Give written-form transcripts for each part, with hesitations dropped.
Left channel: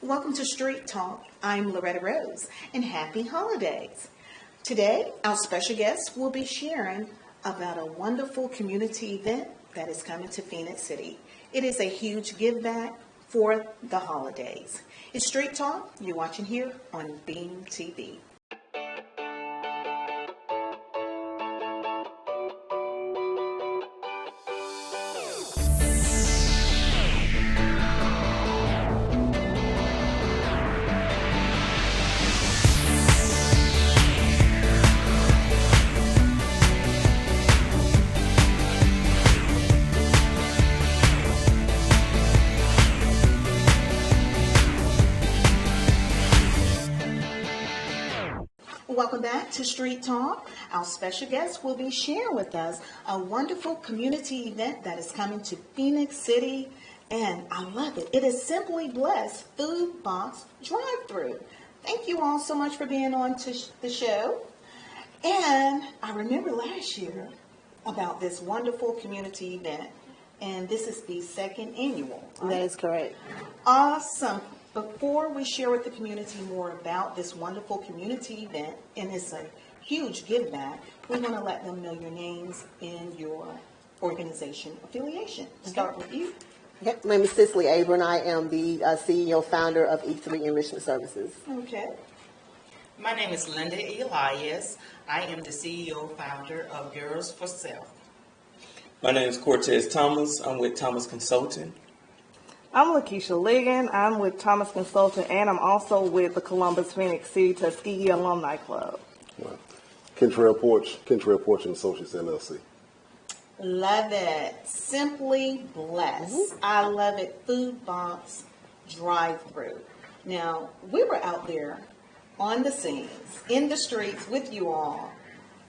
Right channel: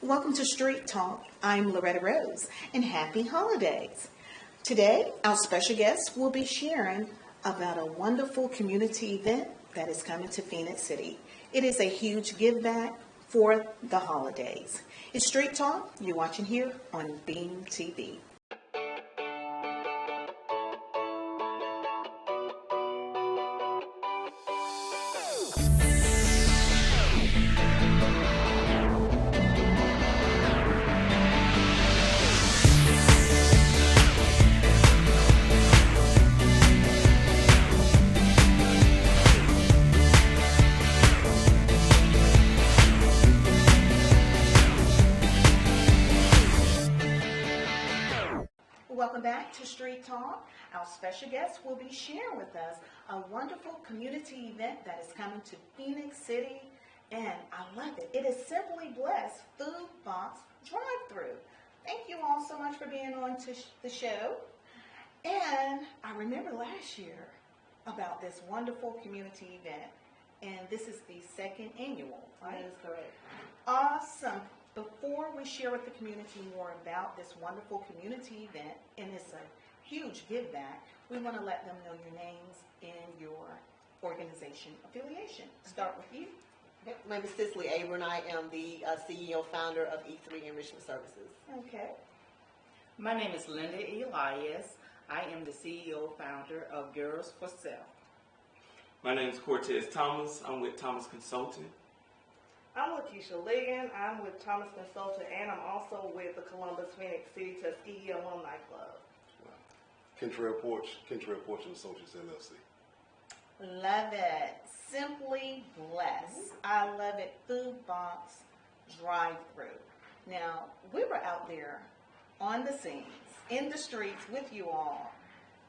Welcome to Street Talk. I'm Loretta Rose, and happy holidays. Today, our special guest will be sharing about a wonderful community event that is coming to Phenix City. It is a huge give back for the holidays. It's Street Talk. You're watching here on Beam TV. Welcome back to Street Talk. Our special guest will be sharing with us a wonderful community event that is coming to Phenix City, and I love it. It is Simply Blessed Food Box Drive-Thru. Thank you all so much for being on to the show. And I remember last year about this wonderful community event, and this is the second annual. Right? That is correct. Awesome. Before we share with the community more about this wonderful community event, and it's a huge give back, we want to let them know your names and your organization affiliation. Start with you. Okay. My name is Cicely Abram. I am the CEO founder of E3 Enrichment Services. Okay. My name is Linda Elias. I am the CEO founder of Girls for Self. My name is Cortez Thomas. I'm with Thomas Consulting. I'm Lakeisha Ligon. I'm with Thomas Consulting, and I'm also with the Columbus Phoenix City Tuskegee Alumni Club. Wow. Kentrail Porch and Associates LLC. Love it. Simply Blessed. I love it. Food Box Drive-Thru. Now, we were out there on the scenes, in the streets with you all,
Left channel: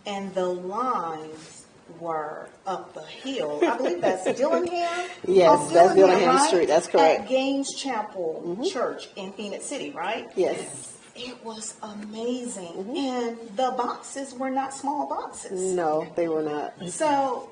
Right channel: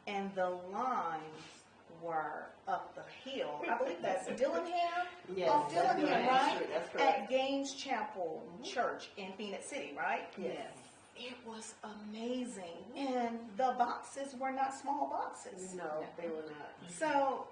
and the lines were up the hill. I believe that's Dillingham. Yes, that's Dillingham right? Street. That's correct. At Gaines Chapel Church in Phoenix City, right? Yes. It was amazing. And the boxes were not small boxes. No, they were not. So,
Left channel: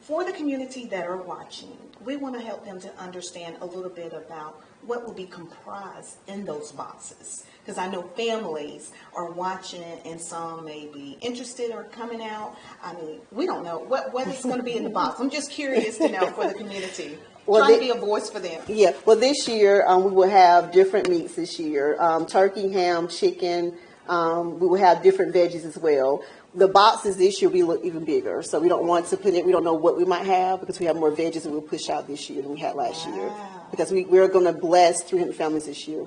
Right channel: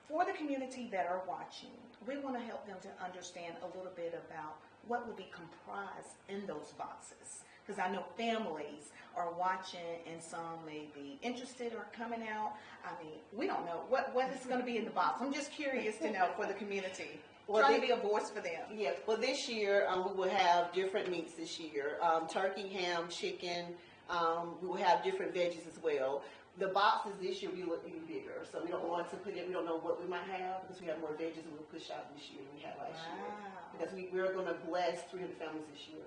for the community that are watching, we want to help them to understand a little bit about what will be comprised in those boxes. Because I know families are watching and some may be interested or coming out. I mean, we don't know what is going to be in the box. I'm just curious to know for the community. Trying to be a voice for them. Yeah. Well, this year we will have different meats this year. Turkey, ham, chicken. We will have different veggies as well. The boxes this year we look even bigger, so we don't want to put it. We don't know what we might have because we have more veggies that we'll push out this year than we had last year. Because we're going to bless 300 families this year.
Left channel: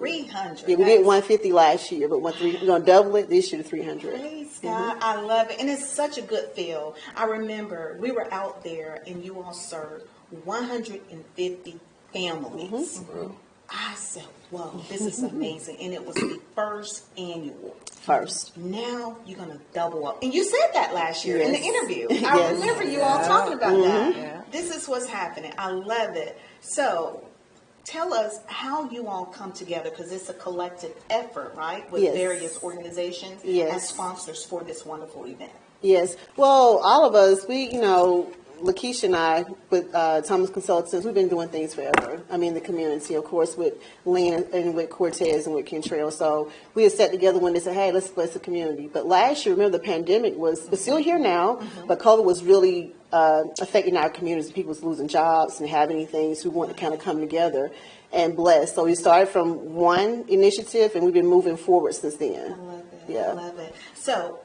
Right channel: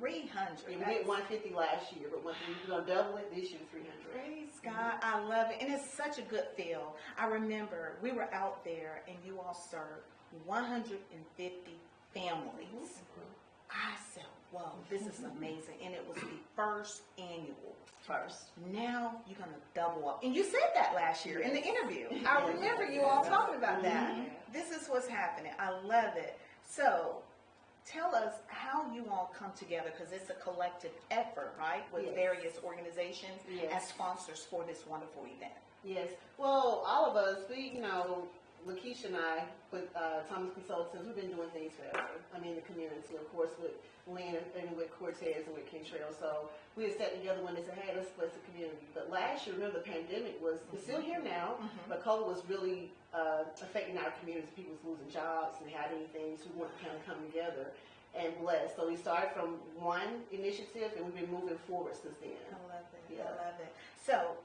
300. Yeah, we did 150 last year, but we're going to double it this year to 300. Praise God. I love it. And it's such a good feel. I remember we were out there and you all served 150 families. I said, whoa, this is amazing. And it was the first annual. Now you're going to double up. And you said that last year in the interview. I remember you all talking about that. Yeah. This is what's happening. I love it. So tell us how you all come together, because it's a collective effort, right, with various organizations as sponsors for this wonderful event. Yes. Well, all of us, Lakeisha and I, with Thomas Consultants, we've been doing things forever. I mean, the community, of course, with Lynn and with Cortez and with Kentrail. So we had sat together when they said, hey, let's bless the community. But last year, remember, the pandemic was still here now, but COVID was really affecting our communities. People was losing jobs and having things. So we wanted to kind of come together and bless. So we started from one initiative, and we've been moving forward since then. I love it. Yeah. I love it. So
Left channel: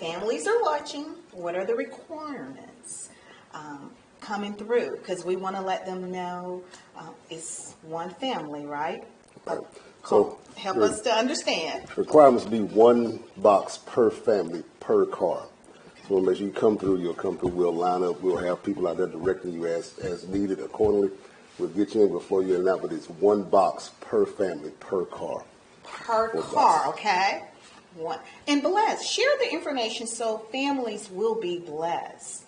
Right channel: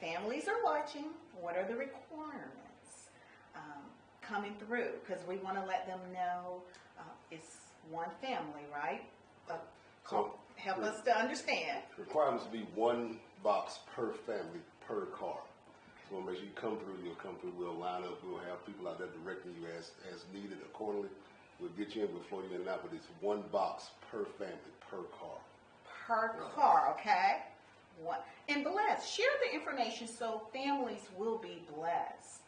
families are watching. What are the requirements coming through? Because we want to let them know it's one family, right? So help us to understand. Requirements be one box per family per car. So we'll make sure you come through. You'll come through. We'll line up. We'll have people out there directing you as needed accordingly. We'll get you in before you end out, but it's one box per family per car. Per car, okay? One. And bless. Share the information so families will be blessed.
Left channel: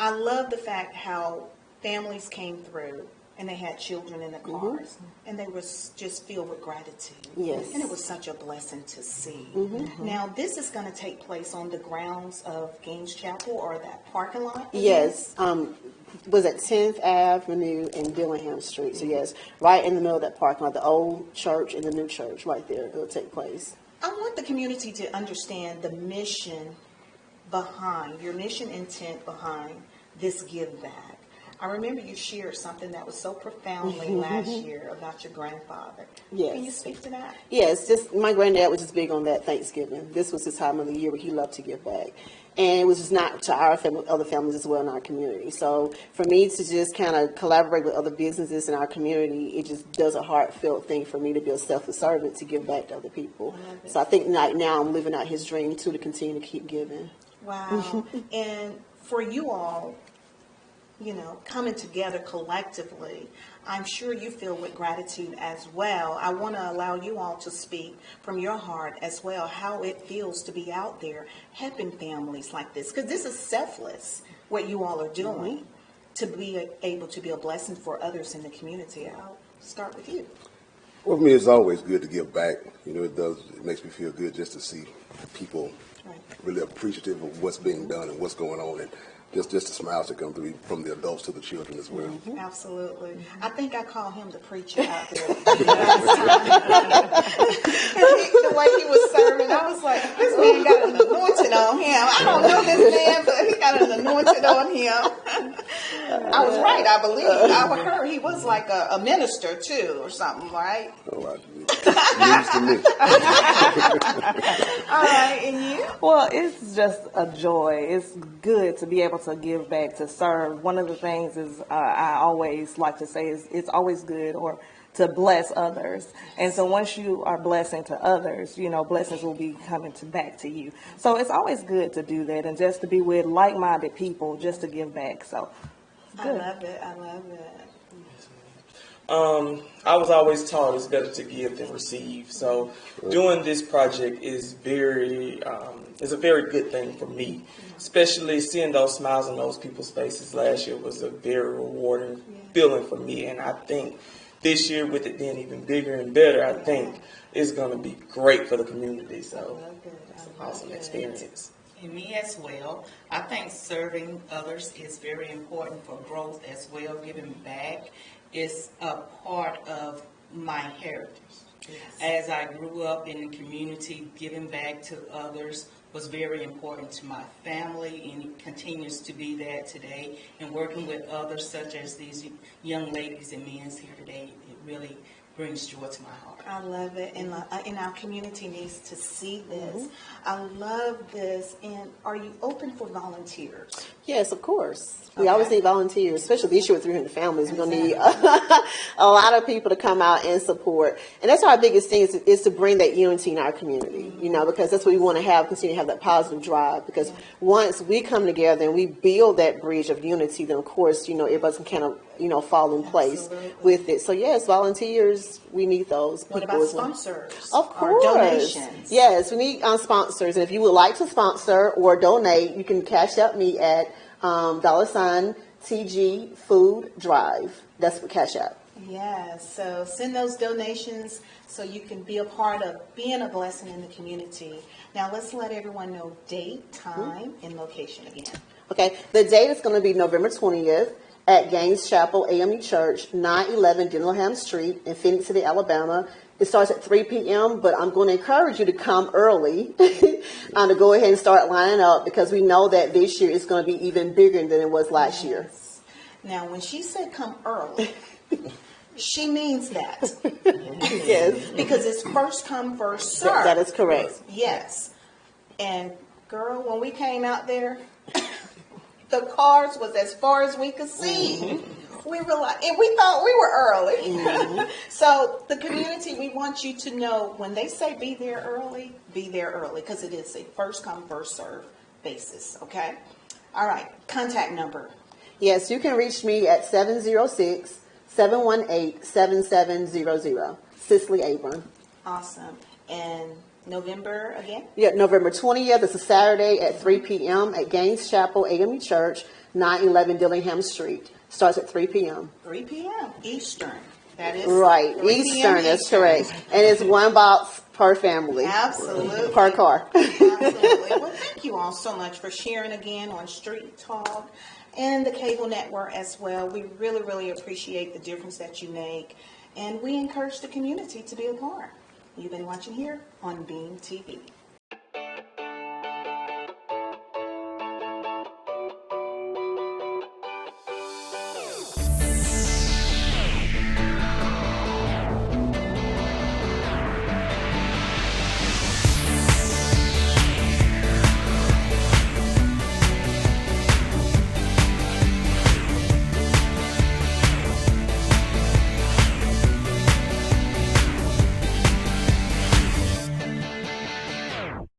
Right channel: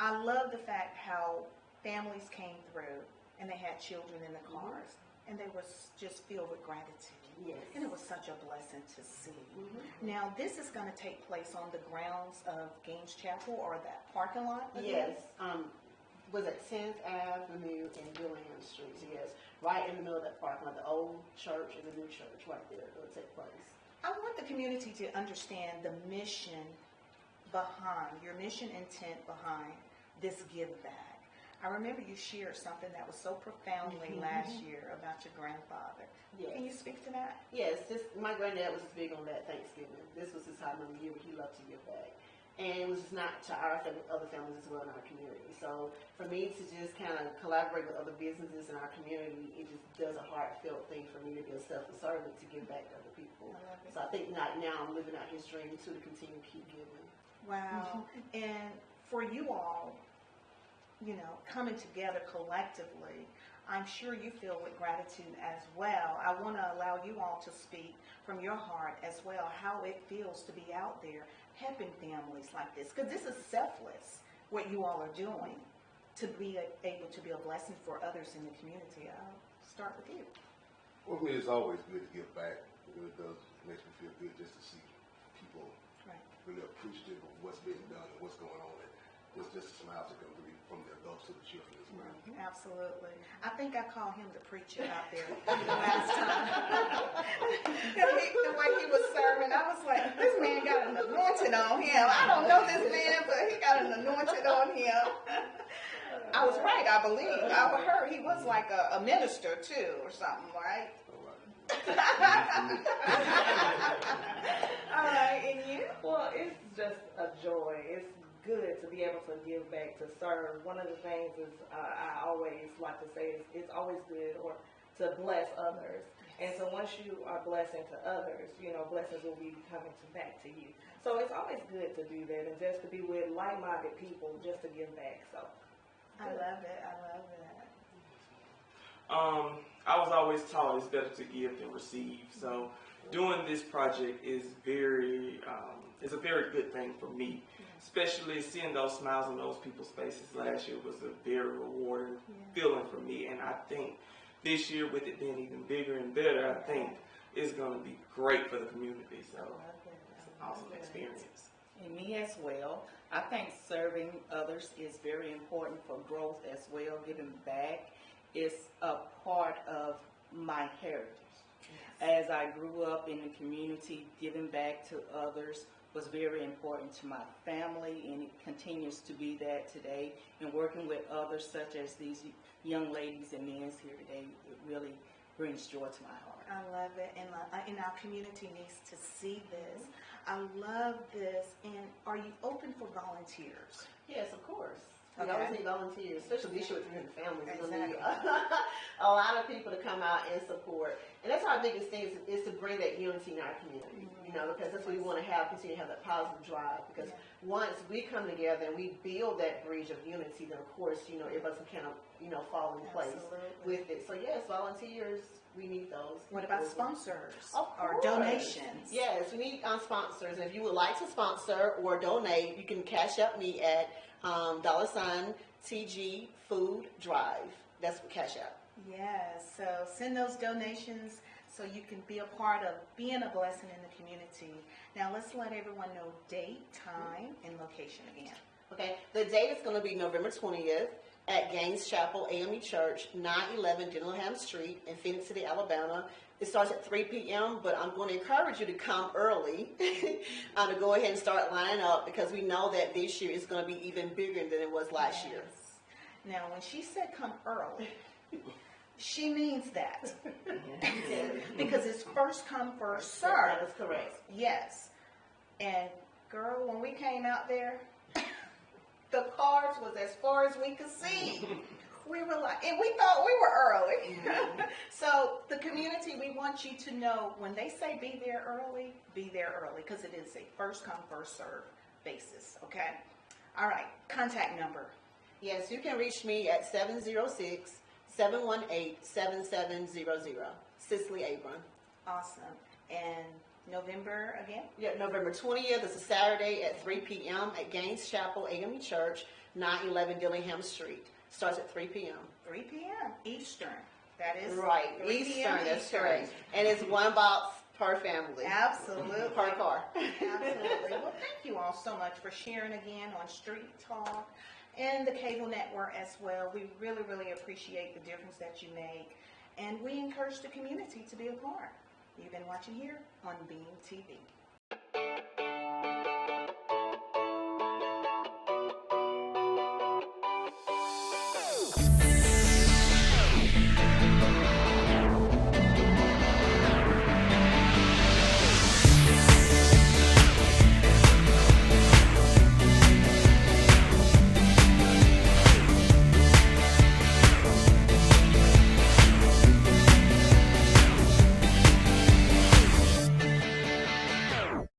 I love the fact how families came through and they had children in the cars, and they were just filled with gratitude. Yes. And it was such a blessing to see. Now, this is going to take place on the grounds of Gaines Chapel or that parking lot? Yes. was at 10th Avenue and Dillingham Street. So yes, right in the middle of that parking lot, the old church and the new church, right there. It'll take place. I want the community to understand the mission behind, your mission intent behind this give back. I remember you shared something that was so profoundly last year about your grandfather. Yes. Can you speak to that? Yes, just my granddad was just big on that Thanksgiving. This was his time of the year where he loved to give back. And it was just not to our family, other families as well in our community. So for me to just kind of collaborate with other businesses in our community, it just does a heartfelt thing for me to be a selfless servant to give back to other people. So I think right now I'm living out his dream too, to continue to keep giving. Wow. And for you all, you know, coming together collectively, I'm sure you feel with gratitude as well. I want to allow you all to speak from your heart as well, how it feels to be out there helping families like this. Because this is selfless, what you all are doing, to be able to be a blessing for others in the community. I'll start with you. Well, for me, it's always good to give back. You know, it makes me feel good just to see people really appreciative of what's being done and what's going on. And just the smiles that come through from the adults to the children as well. Absolutely. I think I call him the preacher out there. The way he was serving, I was like, this man got an anointing on him. I don't know this man, but he got an anointing on him. I was right, I believe. I heard he was like a minister too or something, right? Oh, news to me. All right, and you? Well, it's just a joy. It's good to be able to give back, to serve. One of the things is I always like to say is it's always good or to bless others. And so once you are blessing to others, you know, blessings will be coming back to you. So it's always good to do that and just to be with like-minded people just to give back. So good. I love it. I love it. I was always taught it's better to give than receive. So doing this project is is a very good thing for me, especially seeing those smiles on those people's faces last year was a very rewarding feeling for me. And I think this year, with it being even bigger and better, I think it's going to be great for the community. So it's an awesome experience. And me as well. I think serving others is very important for growth as well. Giving back is a part of my heritage. As I grew up in the community, giving back to others was very important to my family, and it continues to be that today. And working with others, such as these young ladies and men here today, it really brings joy to my heart. I love it, and our community needs to see this. I love this. And are you open for volunteers? Yes, of course. We Okay. always need volunteers, especially this year with 300 families. We're going to need a lot of people to come out and support. And that's our biggest thing is to bring that unity in our community, you know, because that's what we want to have, continue to have that positive drive. Because once we come together and we build that bridge of unity, then of course, you know, everybody can kind of, you know, fall in place Absolutely. with it. So yes, volunteers, we need those. What people about as well. sponsors? Of Or course. donations? Yes, we need sponsors. And if you would like to sponsor or donate, you can cash out me at $TG Food Drive. That's what cash out. Yes, so send those donations so you can be a part of being a blessing in the community. Now let's let everyone know date, time, and location again. Okay, the date is going to be November 20th at Gaines Chapel AME Church, 911 Dillingham Street in Phenix City, Alabama. It starts at 3 p.m., but I'm going to encourage you to come early to go ahead and start lining up because we know that this year is going to be even bigger than it was last year. Now, when she said come early, she means that. Yes, Because it's first come, first serve. that is correct. Yes. And girl, when we came out there, the cars was as far as we could see. We were like, and we thought we were early. So the community, we want you to know when they say be there early, because it is a first come, first serve basis. Okay. All right. Contact number. Yes, you can reach me at 706-718-7700. Cicely Abram. Awesome. And November again? Yeah, November 20th. It's a Saturday at 3 p.m. at Gaines Chapel AME Church, 911 Dillingham Street. Starts at 3 p.m. 3 p.m. Eastern. That is Right, 3 Eastern, p.m. that's Eastern. correct. And it's one box per family. Absolutely. Per car. Absolutely. Well, thank you all so much for sharing again on Street Talk. and the cable network as well. We really, really appreciate the difference that you make, and we encourage the community to be a part. You've been watching here on Beam TV.